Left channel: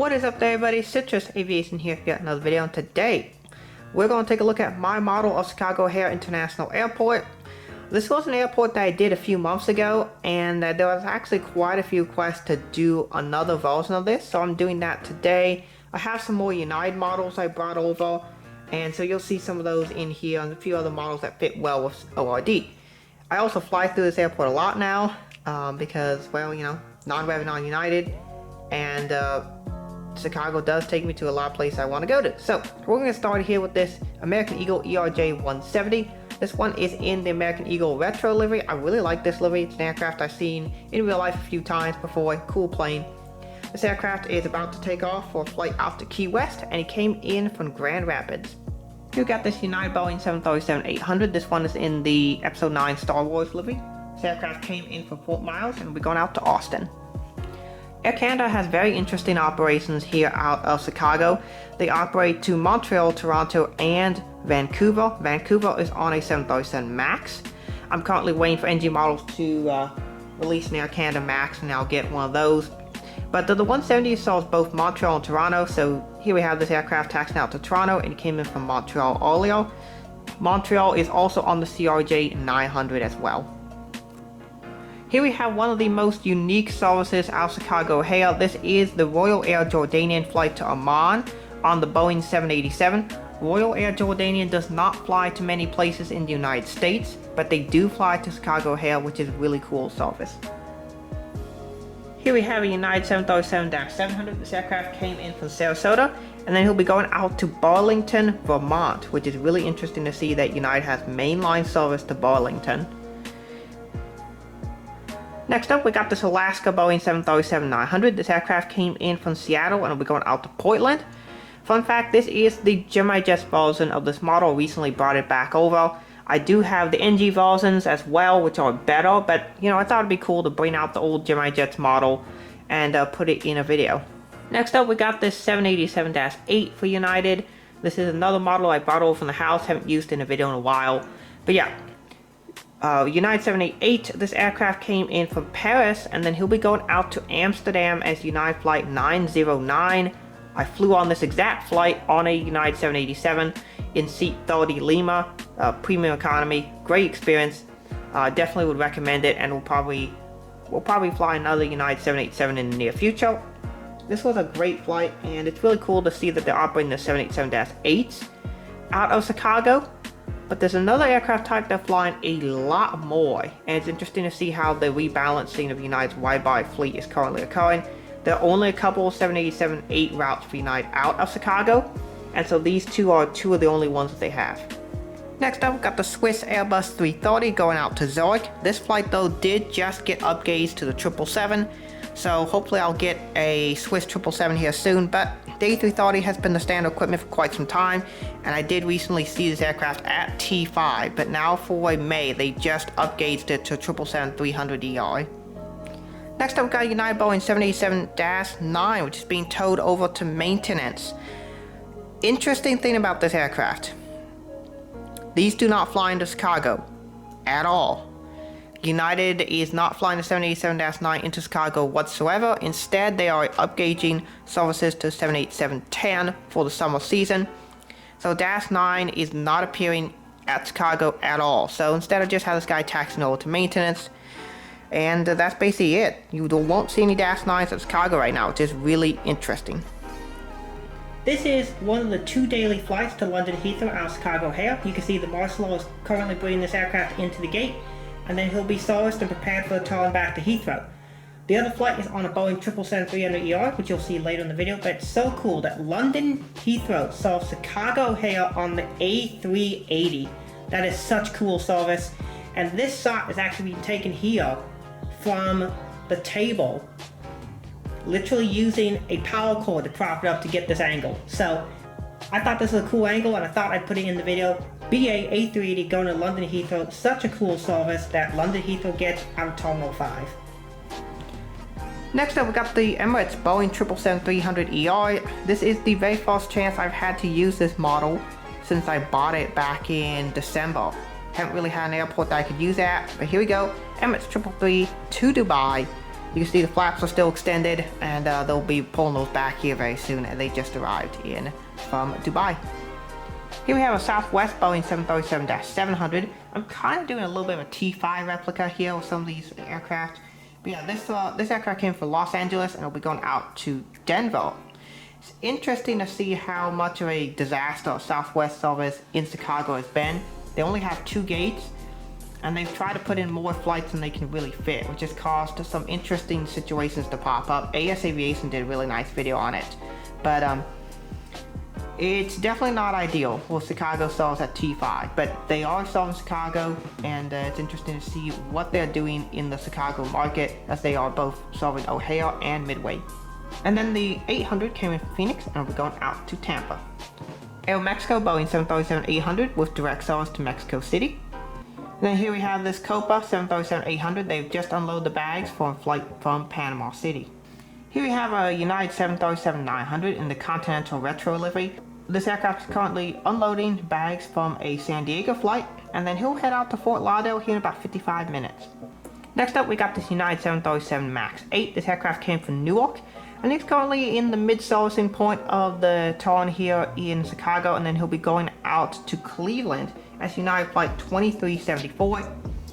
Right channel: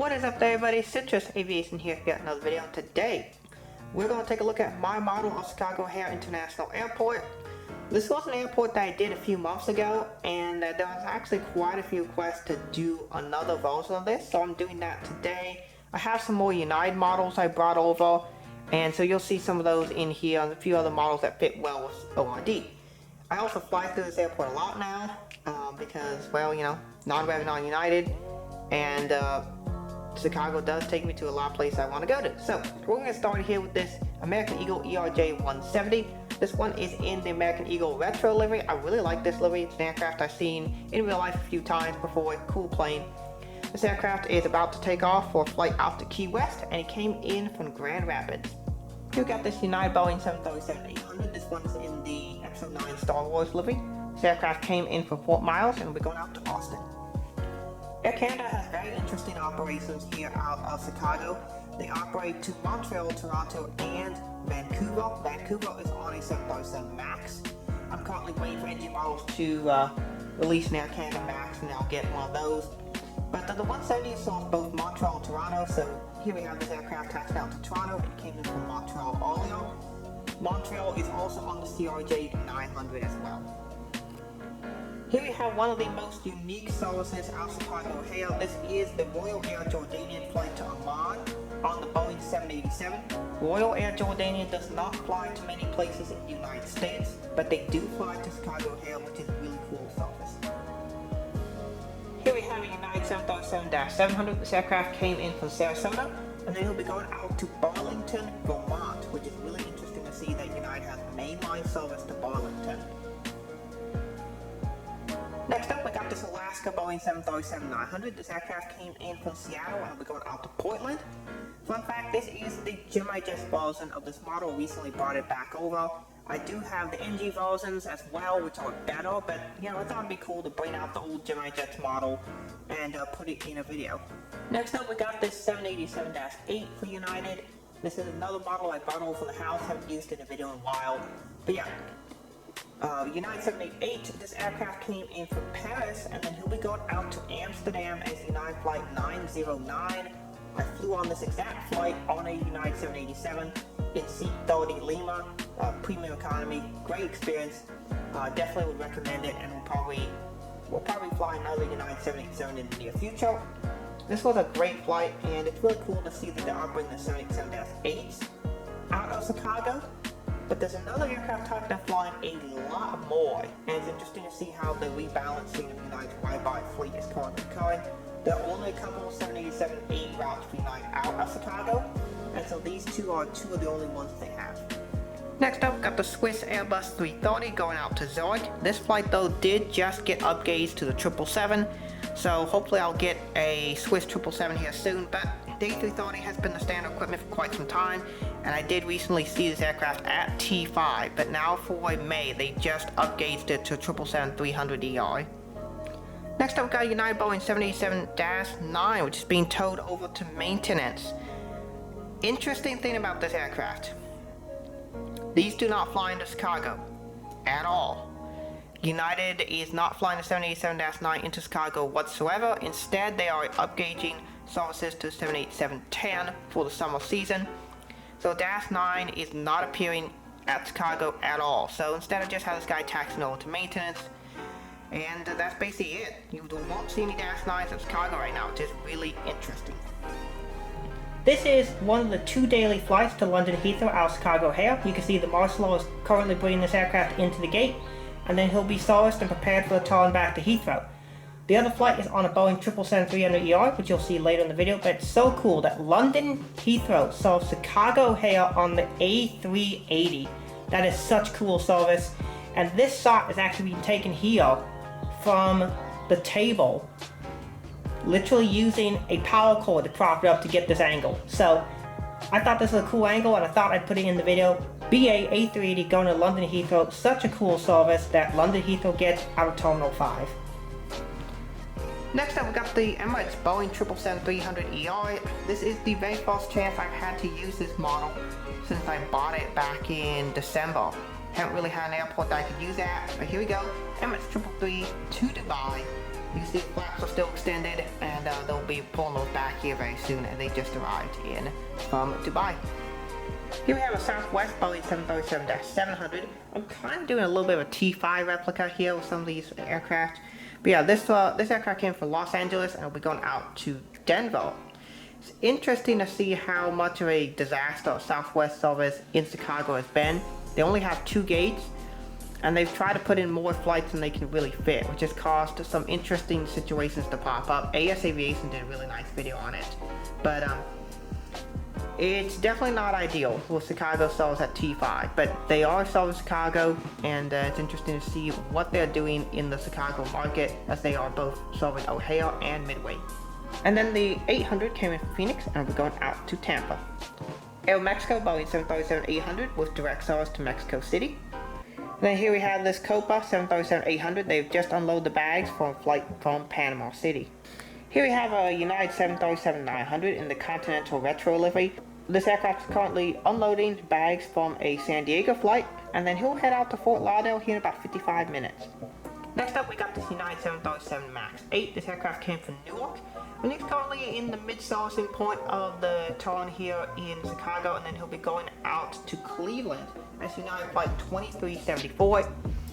What is up there, everybody? Citrus Aviation here for yet another video, and today we're going to take a look at my model of Chicago O'Hare International Airport. This was an airport that I did a few months ago, and there was actually quite a few requests to do another version of this, so I'm doing that today. I have some more United models I brought over, and so you'll see some of those in here and a few other models that fit well with ORD. I also fly through this airport a lot now because, well, you know, non-rev, non-United, and Chicago does take me to a lot of places I want to go to. So we're going to start here with this American Eagle ERJ-170. This one is in the American Eagle Retro livery. I really like this livery. It's an aircraft I've seen in real life a few times before. Cool plane. This aircraft is about to take off for a flight out to Key West, and it came in from Grand Rapids. You got this United Boeing 737-800. This one is in the Episode 9 Star Wars livery. This aircraft came in from Fort Myers, and we're going out to Austin. Air Canada has very interesting operations here out of Chicago. They operate to Montreal, Toronto, and Vancouver. Vancouver is on a 737 MAX. I'm currently waiting for NG models to release an Air Canada MAX, and I'll get one of those. But the 170 serves both Montreal and Toronto, so here we have this aircraft taxiing out to Toronto, and it came in from Montreal earlier. Montreal is also on the CRJ-900 as well. Here we have one of the most unique services out of Chicago O'Hare. This is the Royal Air Jordanian flight to Amman on the Boeing 787. Royal Air Jordanian does not fly to many places in the United States, but they do fly to Chicago O'Hare, which is a really cool service. Here we have a United 737-700. This aircraft came in from Sarasota, and then he'll be going out to Burlington, Vermont, which is really interesting to see that United has mainline service to Burlington. Next up, we got this Alaska Boeing 737-900. This aircraft came in from Seattle, and will be going out to Portland. Fun fact, this is the Gemini Jets version of this model. I recently brought it back over. I do have the NG versions as well, which are better, but you know, I thought it'd be cool to bring out the old Gemini Jets model and put it in a video. Next up, we got this 787-8 for United. This is another model I brought over from the house, haven't used in a video in a while, but yeah. United 788, this aircraft came in from Paris, and then he'll be going out to Amsterdam as United Flight 909. I flew on this exact flight on a United 787 in seat 30 Lima, premium economy, great experience. Definitely would recommend it, and we'll probably fly another United 787 in the near future. This was a great flight, and it's really cool to see that they're operating the 787-8s out of Chicago. But there's another aircraft type they're flying a lot more, and it's interesting to see how the rebalancing of United's wide-body fleet is currently occurring. There are only a couple of 787-8 routes for United out of Chicago, and so these two are two of the only ones that they have. Next up, we've got the Swiss Airbus 330 going out to Zurich. This flight though did just get upgauged to the 777, so hopefully I'll get a Swiss 777 here soon, but the A330 has been the standard equipment for quite some time, and I did recently see this aircraft at T5, but now for May they just upgauged it to 777-300ER. Next up, we've got a United Boeing 787-9, which is being towed over to maintenance. Interesting thing about this aircraft, these do not fly into Chicago at all. United is not flying the 787-9 into Chicago whatsoever. Instead, they are upgauging services to 787-10 for the summer season. So -9 is not appearing at Chicago at all. So instead, I just have this guy taxiing over to maintenance, and that's basically it. You won't see any -9s at Chicago right now, which is really interesting. This is one of the 2 daily flights to London Heathrow out of Chicago O'Hare. You can see the Marcelo is currently bringing this aircraft into the gate, and then he'll be serviced and prepared for the turn back to Heathrow. The other flight is on a Boeing 777-300ER, which you'll see later in the video, but it's so cool that London Heathrow serves Chicago O'Hare on the A380. That is such cool service, and this shot is actually being taken here from the table, literally using a power cord to prop it up to get this angle. So I thought this was a cool angle, and I thought I'd put it in the video. BA A380 going to London Heathrow, such a cool service that London Heathrow gets out of Terminal 5. Next up, we got the Emirates Boeing 777-300ER. This is the very first chance I've had to use this model since I bought it back in December. Haven't really had an airport that I could use at, but here we go. Emirates 333 to Dubai. You can see the flaps are still extended, and they'll be pulling those back here very soon, and they just arrived in from Dubai. Here we have a Southwest Boeing 737-700. I'm kind of doing a little bit of a T5 replica here with some of these aircraft. But yeah, this aircraft came from Los Angeles, and it'll be going out to Denver. It's interesting to see how much of a disaster Southwest service in Chicago has been. They only have 2 gates, and they've tried to put in more flights than they can really fit, which has caused some interesting situations to pop up. AS Aviation did a really nice video on it, but it's definitely not ideal for Chicago service at T5, but they are serving Chicago, and it's interesting to see what they're doing in the Chicago market, as they are both serving O'Hare and Midway. And then the 800 came in from Phoenix, and we're going out to Tampa. Aeromexico Boeing 737-800 with direct service to Mexico City. And then here we have this Copa 737-800. They've just unloaded the bags for a flight from Panama City. Here we have a United 737-900 in the Continental Retro livery. This aircraft is currently unloading bags from a San Diego flight, and then he'll head out to Fort Lauderdale here in about 55 minutes. Next up, we got this United 737 MAX 8. This aircraft came from Newark, and he's currently in the mid-servicing point of the turn here in Chicago, and then he'll be going out to Cleveland as United Flight 2374.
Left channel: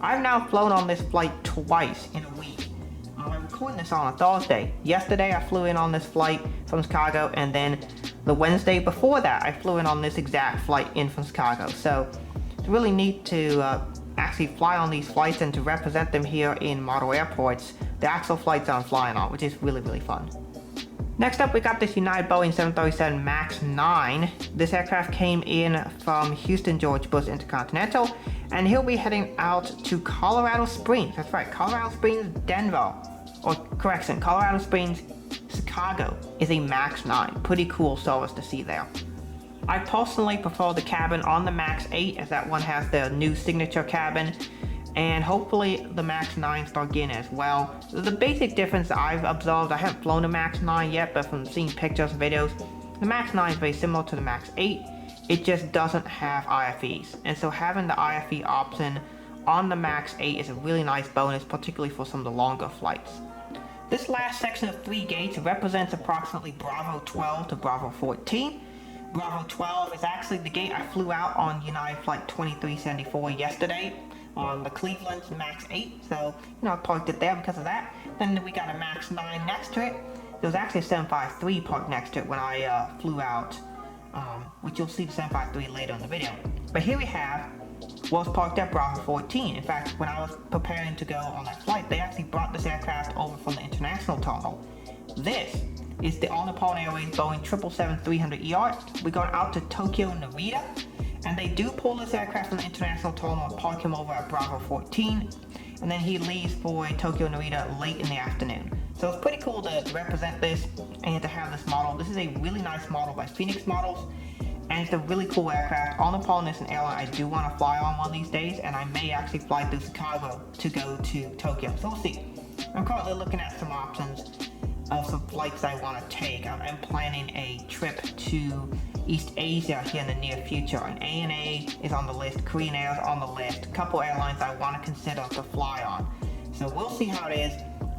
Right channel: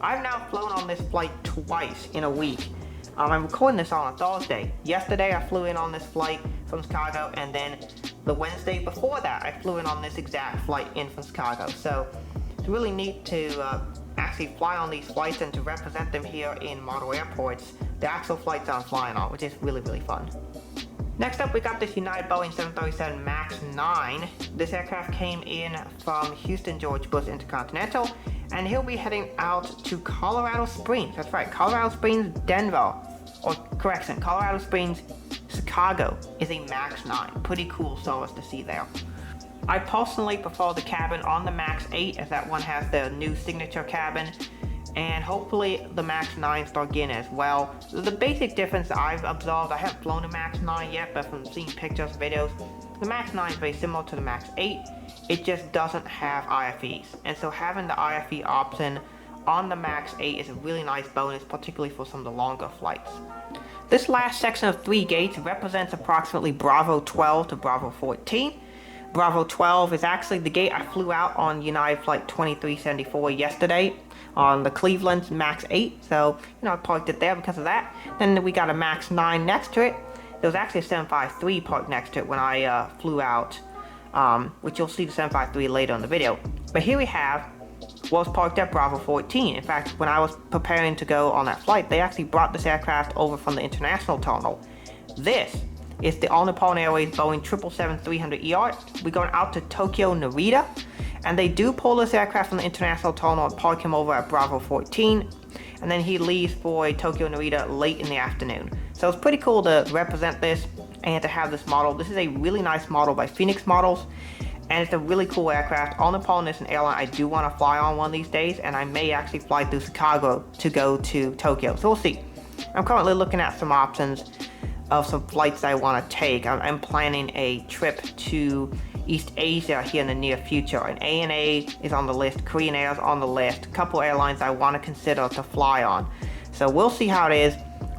I've now flown on this flight twice in a week. I'm recording this on a Thursday. Yesterday I flew in on this flight from Chicago, and then the Wednesday before that I flew in on this exact flight in from Chicago. So it's really neat to actually fly on these flights and to represent them here in model airports, the actual flights I'm flying on, which is really, really fun. Next up, we got this United Boeing 737 MAX 9. This aircraft came in from Houston George Bush Intercontinental, and he'll be heading out to Colorado Springs. That's right, Colorado Springs, Denver. Or correction, Colorado Springs, Chicago is a MAX 9. Pretty cool service to see there. I personally prefer the cabin on the MAX 8, as that one has the new signature cabin, and hopefully the MAX 9 start getting as well. The basic difference I've observed, I haven't flown a MAX 9 yet, but from seeing pictures and videos, the MAX 9 is very similar to the MAX 8. It just doesn't have IFEs, and so having the IFE option on the MAX 8 is a really nice bonus, particularly for some of the longer flights. This last section of 3 gates represents approximately Bravo 12 to Bravo 14. Bravo 12 is actually the gate I flew out on United Flight 2374 yesterday on the Cleveland MAX 8, so I parked it there because of that. Then we got a MAX 9 next to it. There was actually a 753 parked next to it when I flew out, which you'll see the 753 later in the video. But here we have was parked at Bravo 14. In fact, when I was preparing to go on that flight, they actually brought this aircraft over from the international terminal. This is the All Nippon Airways Boeing 777-300ER. We're going out to Tokyo Narita, and they do pull this aircraft from the international terminal and park him over at Bravo 14, and then he leaves for a Tokyo Narita late in the afternoon. So it's pretty cool to represent this and to have this model. This is a really nice model by Phoenix Models, and it's a really cool aircraft. All Nippon is an airline I do want to fly on one of these days, and I may actually fly through Chicago to go to Tokyo, so we'll see. I'm currently looking at some options of some flights I want to take. I'm planning a trip to East Asia here in the near future, and ANA is on the list, Korean Air is on the list, a couple airlines I want to consider to fly on. So we'll see how it is,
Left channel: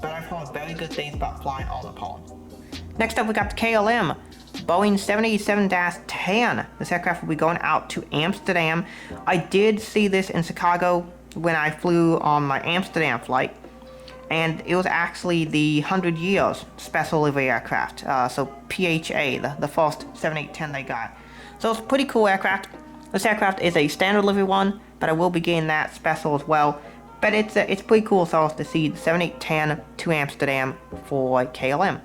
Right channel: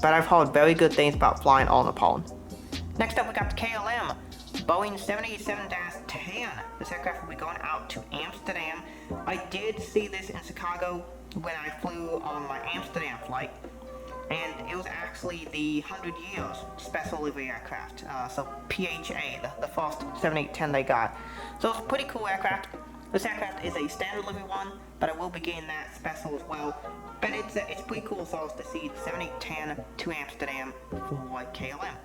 but I've heard very good things about flying All Nippon. Next up, we got the KLM Boeing 787-10. This aircraft will be going out to Amsterdam. I did see this in Chicago when I flew on my Amsterdam flight, and it was actually the 100 years special livery aircraft, so PHA, the first 7810 they got. So it's a pretty cool aircraft. This aircraft is a standard livery one, but I will be getting that special as well. But it's pretty cool for us to see the 7810 to Amsterdam for KLM.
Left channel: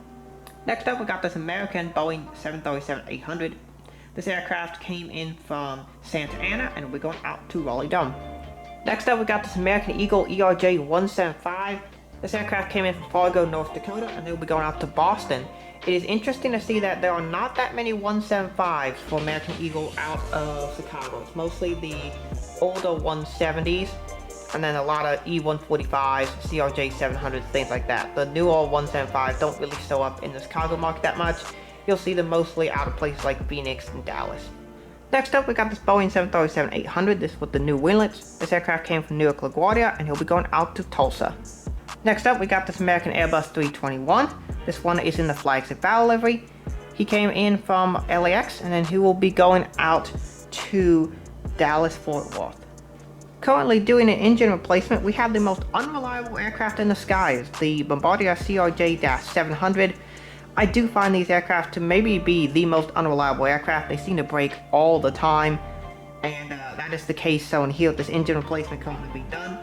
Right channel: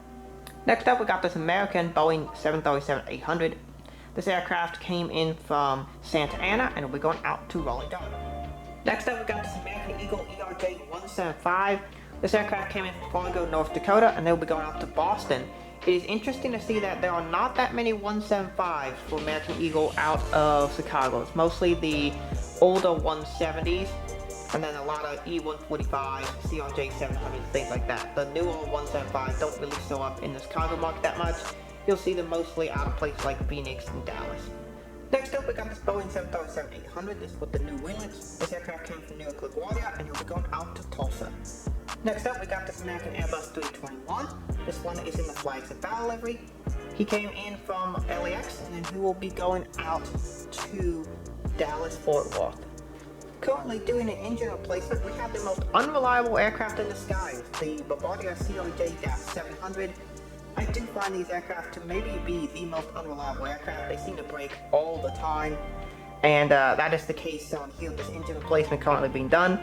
Next up, we got this American Boeing 737-800. This aircraft came in from Santa Ana, and we're going out to Raleigh-Durham. Next up, we got this American Eagle ERJ-175. This aircraft came in from Fargo, North Dakota, and they'll be going out to Boston. It is interesting to see that there are not that many 175s for American Eagle out of Chicago. It's mostly the older 170s, and then a lot of E145s, CRJ 700s, things like that. The newer 175s don't really show up in the Chicago market that much. You'll see them mostly out of places like Phoenix and Dallas. Next up, we got this Boeing 737-800. This with the new winglets. This aircraft came from Newark LaGuardia, and he'll be going out to Tulsa. Next up, we got this American Airbus 321. This one is in the flagship battle livery. He came in from LAX, and then he will be going out to Dallas Fort Worth. Currently doing an engine replacement, we have the most unreliable aircraft in the skies, the Bombardier CRJ-700. I do find these aircraft to maybe be the most unreliable aircraft. They seem to break all the time, and that is the case shown here with this engine replacement currently being done.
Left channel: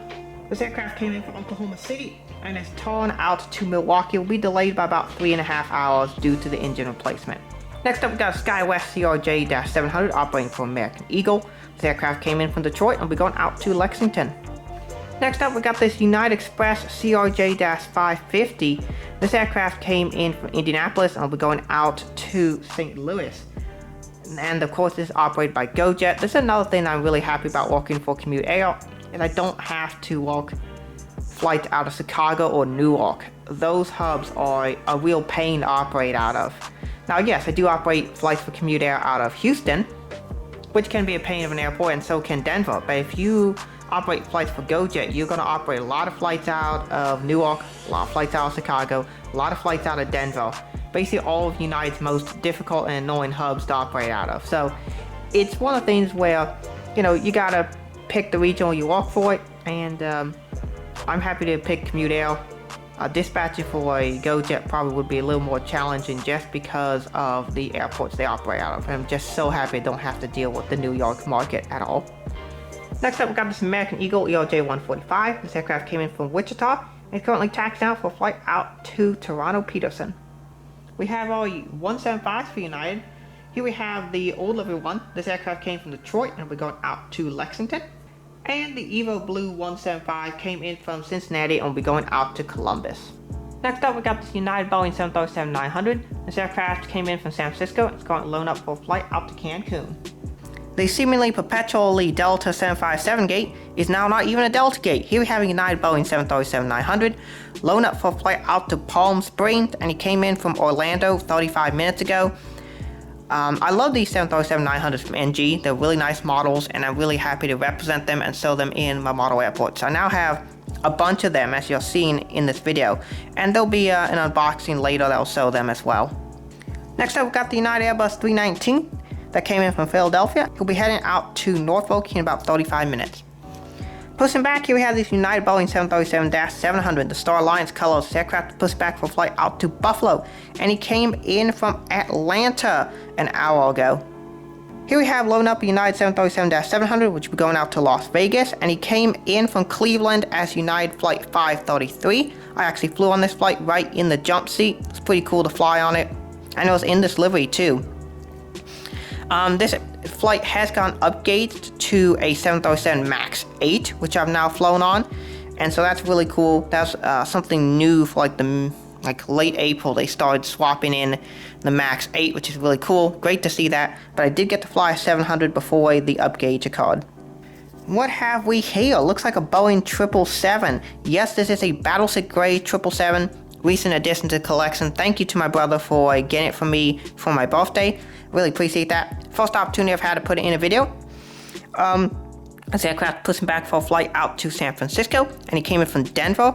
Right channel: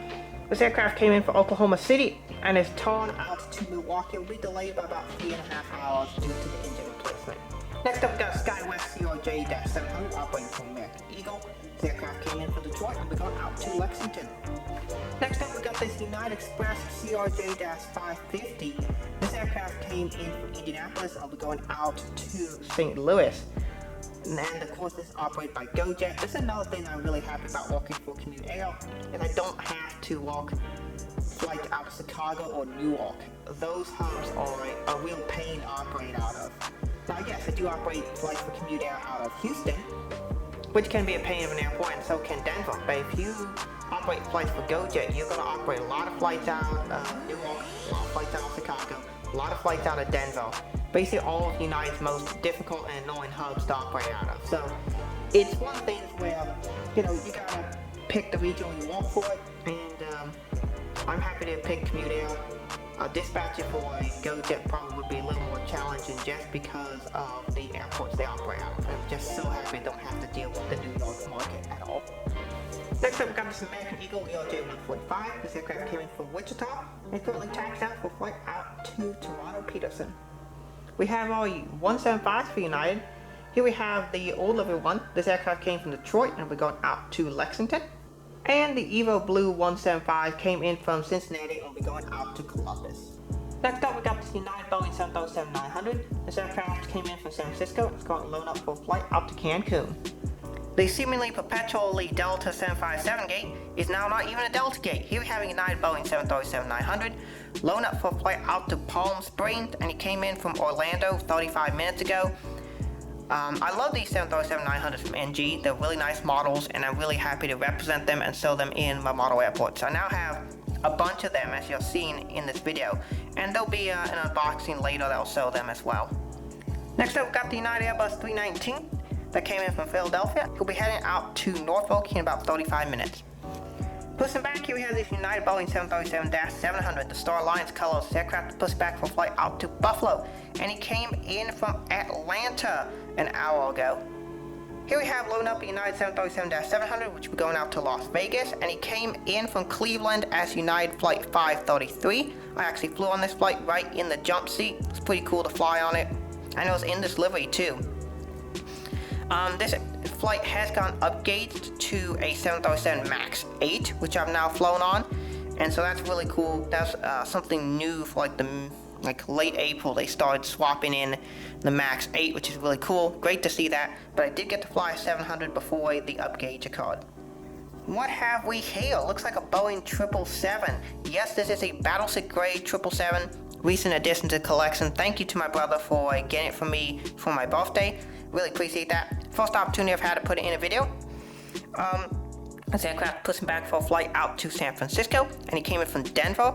This aircraft came in from Oklahoma City and is torn out to Milwaukee. It will be delayed by about 3.5 hours due to the engine replacement. Next up, we got a SkyWest CRJ-700 operating for American Eagle. This aircraft came in from Detroit and will be going out to Lexington. Next up, we got this United Express CRJ-550. This aircraft came in from Indianapolis and will be going out to St. Louis. And of course, this is operated by GoJet. This is another thing I'm really happy about working for Commute Air, is I don't have to work flights out of Chicago or Newark. Those hubs are a real pain to operate out of. Now, yes, I do operate flights for Commute Air out of Houston, which can be a pain of an airport, and so can Denver. But if you operate flights for GoJet, you're going to operate a lot of flights out of Newark, a lot of flights out of Chicago, a lot of flights out of Denver. Basically all of United's most difficult and annoying hubs to operate out of. So it's one of the things where, you know, you got to pick the region you work for it, and I'm happy to pick Commute Air. Dispatching for a GoJet probably would be a little more challenging just because of the airports they operate out of. And I'm just so happy I don't have to deal with the New York market at all. Next up, we got this American Eagle ERJ-145. This aircraft came in from Wichita and is currently taxied out for a flight out to Toronto Peterson. We have our 175s for United. Here we have the old livery one. This aircraft came from Detroit and we're going out to Lexington. And the Evo Blue 175 came in from Cincinnati and will be going out to Columbus. Next up, we got this United Boeing 737-900. This aircraft came in from San Francisco and it's going to loan up for a flight out to Cancun. The seemingly perpetually Delta 757 gate is now not even a Delta gate. Here we have a United Boeing 737-900 loan up for a flight out to Palm Springs, and he came in from Orlando 35 minutes ago. I love these 737-900s from NG. They're really nice models, and I'm really happy to represent them and sell them in my model airports. I now have a bunch of them, as you're seeing in this video, and there'll be an unboxing later that'll sell them as well. Next up, we've got the United Airbus 319 that came in from Philadelphia. He'll be heading out to Norfolk in about 35 minutes. Pushing back, here we have this United Boeing 737-700, the Star Alliance colors. This aircraft pushed back for a flight out to Buffalo, and he came in from Atlanta an hour ago. Here we have loading up a United 737-700, which will be going out to Las Vegas, and he came in from Cleveland as United Flight 533. I actually flew on this flight right in the jump seat. It's pretty cool to fly on it. And it was in this livery too. This flight has gone upgraded to a 737 MAX 8, which I've now flown on, and so that's really cool. That's something new for like late April. They started swapping in the MAX 8, which is really cool. Great to see that. But I did get to fly a 700 before the upgauge occurred. What have we here? Looks like a Boeing 777. Yes, this is a Battleship Gray 777. Recent addition to the collection. Thank you to my brother for getting it for me for my birthday. Really appreciate that. First opportunity I've had to put it in a video. This aircraft pushing back for a flight out to San Francisco, and he came in from Denver.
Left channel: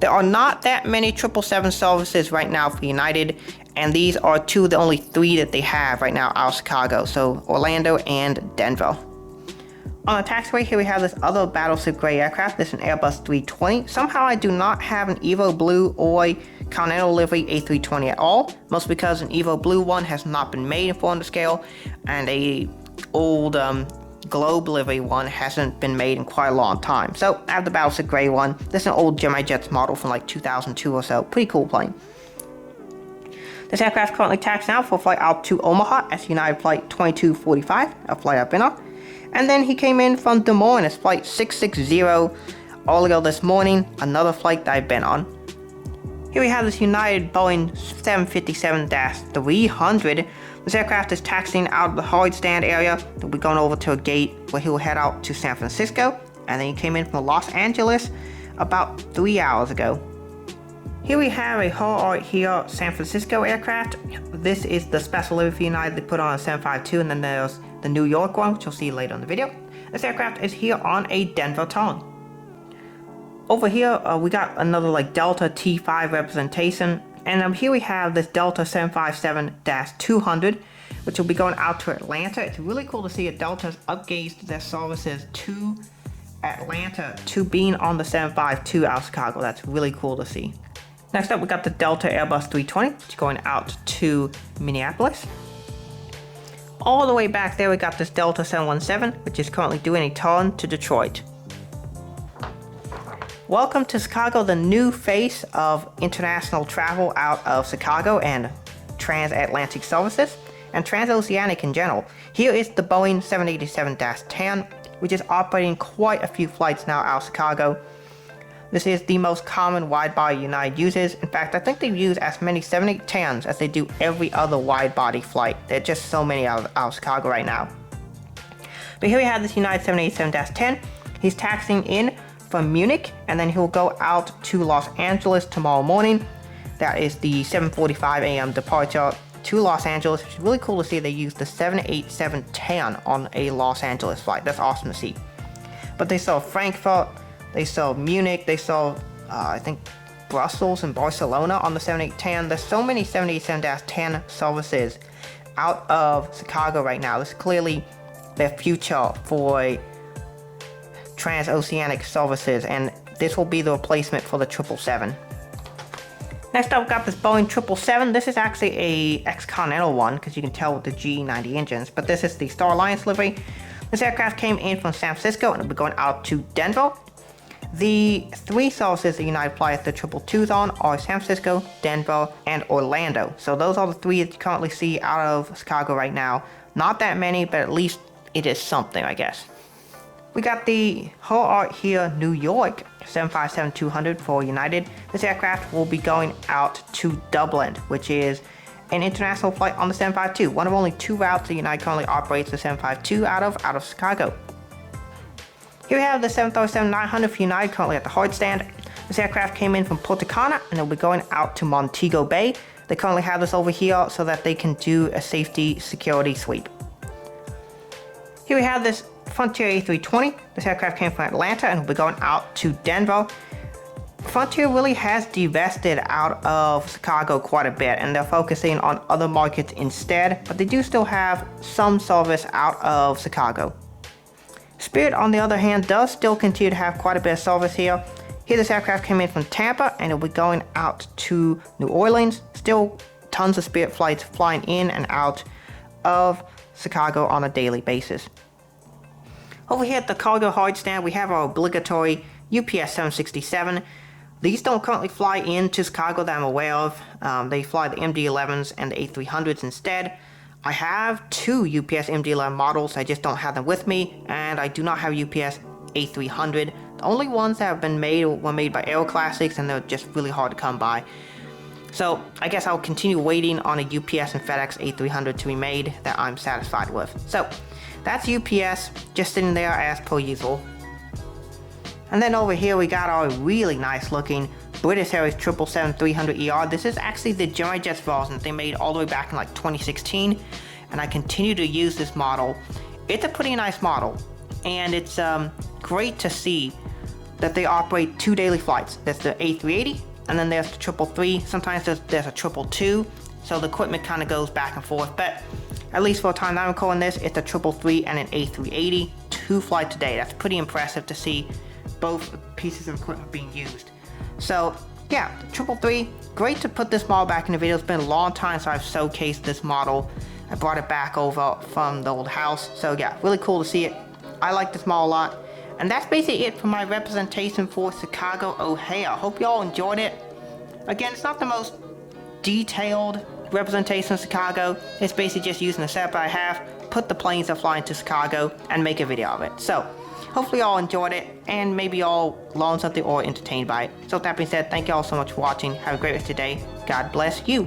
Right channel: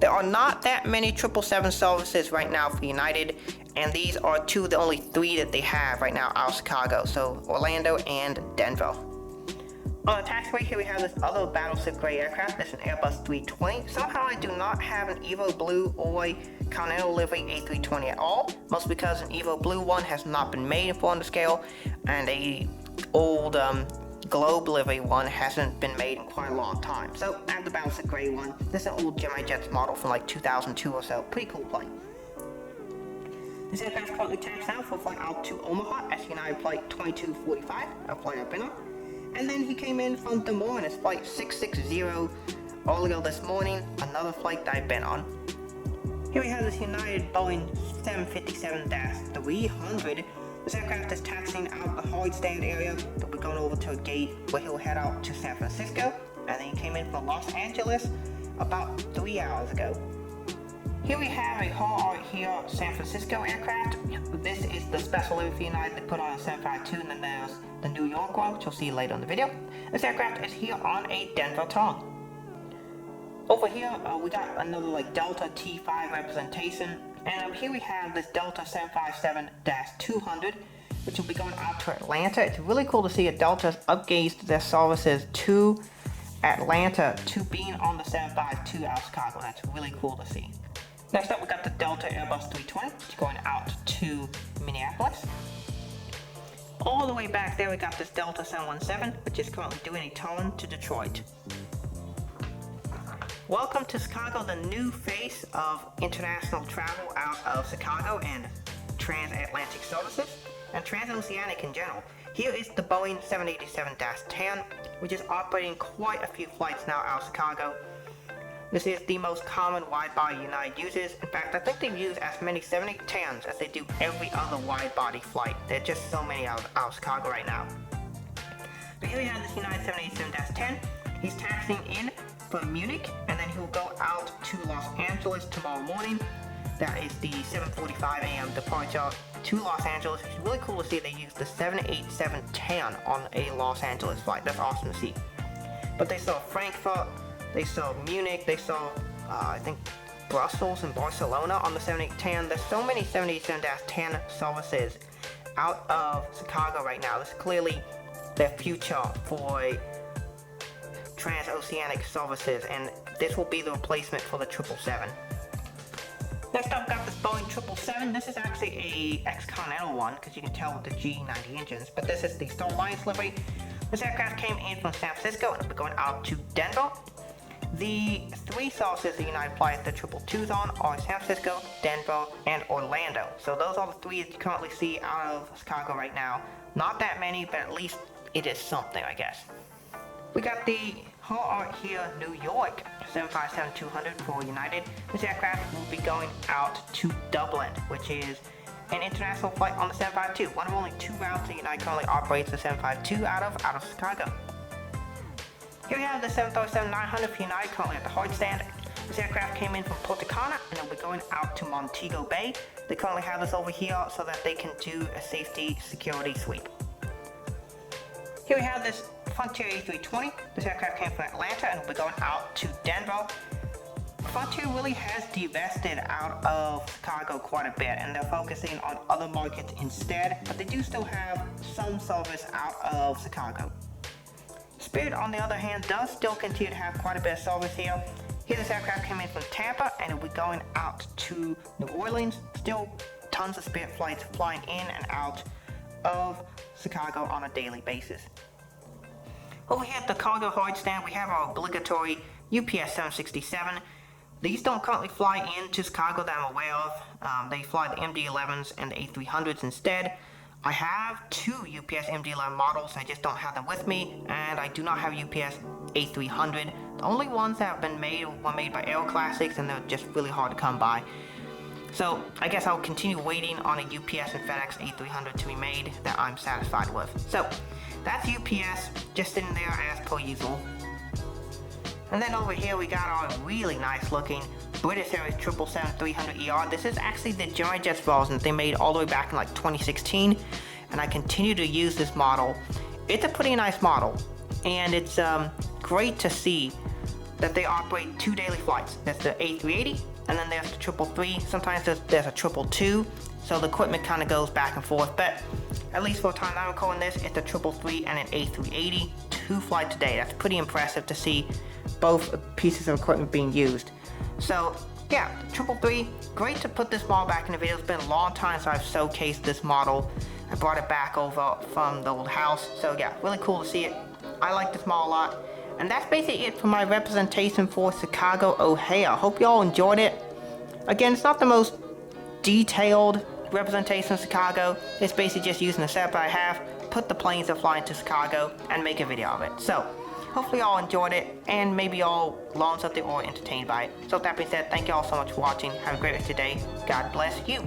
There are not that many 777 services right now for United, and these are two of the only three that they have right now out of Chicago, so Orlando and Denver. On the taxiway, here we have this other Battleship Gray aircraft. This is an Airbus 320. Somehow I do not have an Evo Blue or Continental livery A320 at all, mostly because an Evo Blue one has not been made in 400 scale, and a old Globe livery one hasn't been made in quite a long time. So I have the Battleship Gray one. This is an old Gemini Jets model from like 2002 or so. Pretty cool plane. This aircraft currently taxiing out for a flight out to Omaha as United Flight 2245, a flight I've been on. And then he came in from Des Moines as Flight 660 earlier this morning, another flight that I've been on. Here we have this United Boeing 757-300. This aircraft is taxiing out of the hard stand area. They'll be going over to a gate where he will head out to San Francisco. And then he came in from Los Angeles about 3 hours ago. Here we have a Hard here San Francisco aircraft. This is the special livery for United they put on a 752, and then there's the New York one, which you'll see later in the video. This aircraft is here on a Denver tongue. Over here, we got another like Delta T5 representation. And here we have this Delta 757-200, which will be going out to Atlanta. It's really cool to see that Delta's upgauged their services to Atlanta to being on the 752 out of Chicago. That's really cool to see. Next up, we got the Delta Airbus 320, which is going out to Minneapolis. All the way back there, we got this Delta 717, which is currently doing a turn to Detroit. Welcome to Chicago, the new face of international travel out of Chicago and transatlantic services and transoceanic in general. Here is the Boeing 787-10, which is operating quite a few flights now out of Chicago. This is the most common wide-body United uses. In fact, I think they use as many 787-10s as they do every other wide-body flight. There are just so many out of Chicago right now. But here we have this United 787-10. He's taxiing in from Munich, and then he'll go out to Los Angeles tomorrow morning. That is the 7:45 a.m. departure to Los Angeles. It's really cool to see they use the 787-10 on a Los Angeles flight. That's awesome to see. But they saw Frankfurt, they saw Munich, they saw I think Brussels and Barcelona on the 787-10. There's so many 787-10 services out of Chicago right now. This is clearly their future for transoceanic services, and this will be the replacement for the 777. Next up, we've got this Boeing 777. This is actually a ex-Continental one, because you can tell with the G90 engines, but this is the Star Alliance livery. This aircraft came in from San Francisco and will be going out to Denver. The three services that United fly at the 222s on are San Francisco, Denver, and Orlando. So those are the three that you currently see out of Chicago right now. Not that many, but at least it is something, I guess. We got the Hull Art here, New York 757-200 for United. This aircraft will be going out to Dublin, which is an international flight on the 752. One of only two routes that United currently operates the 752 out of Chicago. Here we have the 737-900 for United currently at the hard stand. This aircraft came in from Punta Cana and it'll be going out to Montego Bay. They currently have this over here so that they can do a safety security sweep. Here we have this Frontier A320. This aircraft came from Atlanta and will be going out to Denver. Frontier really has divested out of Chicago quite a bit, and they're focusing on other markets instead, but they do still have some service out of Chicago. Spirit, on the other hand, does still continue to have quite a bit of service here. Here, this aircraft came in from Tampa and it'll be going out to New Orleans. Still tons of Spirit flights flying in and out of Chicago on a daily basis. Over here at the cargo hard stand, we have our obligatory UPS 767. These don't currently fly into Chicago that I'm aware of. They fly the MD-11s and the A300s instead. I have two UPS MD-11 models, I just don't have them with me, and I do not have UPS A300. The only ones that have been made were made by Aero Classics, and they're just really hard to come by. So I guess I'll continue waiting on a UPS and FedEx A300 to be made that I'm satisfied with. So that's UPS, just sitting there as per usual. And then over here we got our really nice looking British Airways 777-300ER. This is actually the General Jets version that they made all the way back in like 2016, and I continue to use this model. It's a pretty nice model, and it's great to see that they operate two daily flights. There's the A380, and then there's the 333. Sometimes there's a 222, so the equipment kind of goes back and forth, but at least for the time that I'm recording this, it's a 333 and an A380, two flights a day. That's pretty impressive to see both pieces of equipment being used. So yeah, 333, great to put this model back in the video. It's been a long time since I've showcased this model. I brought it back over from the old house. So yeah, really cool to see it. I like this model a lot. And that's basically it for my representation for Chicago O'Hare. Hope you all enjoyed it. Again, it's not the most detailed representation of Chicago. It's basically just using the setup I have, put the planes that fly into Chicago, and make a video of it. So hopefully you all enjoyed it, and maybe you all learned something or entertained by it. So with that being said, thank you all so much for watching. Have a great rest of your day. God bless you.